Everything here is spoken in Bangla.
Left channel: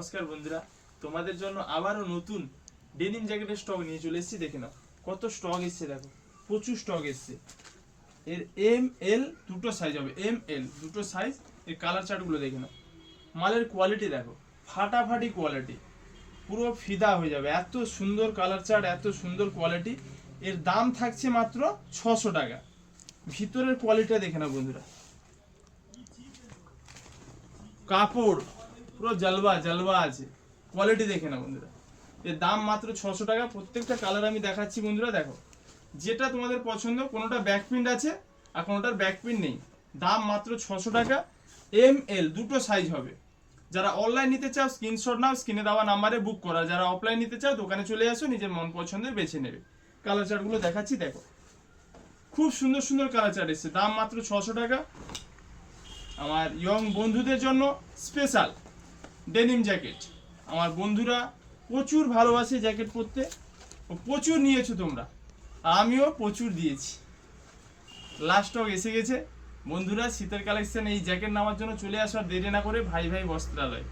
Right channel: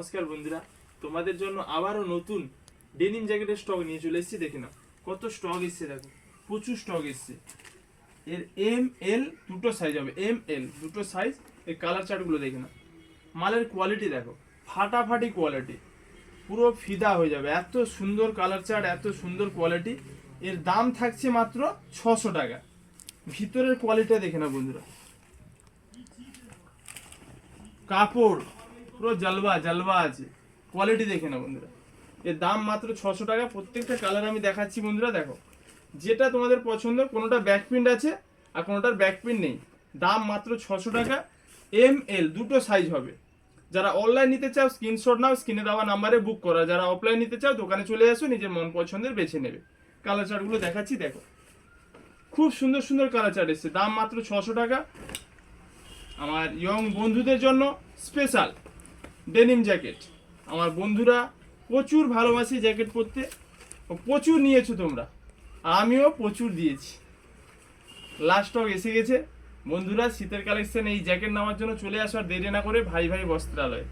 নমস্কার বন্ধুরা, তোমাদের জন্য আবারও নতুন ডেনিম জ্যাকেটের স্টক নিয়ে চলে এসেছি। দেখে নাও কত স্টক এসছে, দেখো প্রচুর স্টক এসছে। এর এম এল দুটো সাইজ হবে, এম এল দুটো সাইজ। এর কালার চার্টগুলো দেখে নাও, মালের কোয়ালিটি দেখো, ফাটাফাটি কোয়ালিটি, পুরো ফিদা হয়ে যাবে। এত সুন্দর কালার চার্ট, এত সুন্দর কোয়ালিটি। এর দাম থাকছে মাত্র 600 টাকা। ভিতরের কোয়ালিটি দেখে নাও বন্ধুরা, কাপড় পুরো জালবা জালবা আছে, কোয়ালিটি দেখে না বন্ধুরা। এর দাম মাত্র 600 টাকা। প্রত্যেকটা কালার আমি দেখাচ্ছি বন্ধুরা, দেখো যেটা তোমাদের পছন্দ। কোনোটা ব্যাক প্রিন্ট আছে আর কোনোটার ব্যাক প্রিন্ট নেই। দাম মাত্র 600 টাকা। এম এল দুটো সাইজ হবে। যারা অনলাইন নিতে চাও স্ক্রিনশট নাও, স্ক্রিনে দেওয়া নাম্বারে বুক করা। যারা অফলাইন নিতে চাও দোকানে চলে আসো, নিজের মন পছন্দের বেছে নেবে। কালার চার্টগুলো দেখাচ্ছি, দেখো খুব সুন্দর সুন্দর কালার চার্ট এসছে। দাম মাত্র 600 টাকা। আমার ইয়ং বন্ধুদের জন্য স্পেশাল ডেনিম জ্যাকেট। আমার বন্ধুরা প্রচুর ভালোবাসে জ্যাকেট পরতে, প্রচুর নিয়েছো তোমরা, আমিও প্রচুর দিয়েছি। লাস্ট স্টক এসে গেছে বন্ধুরা। শীতের কালেকশন এই জ্যাকেট নামার জন্য চলে আসো, আর দেরি না করে ভাই ভাই বস্ত্রালয়।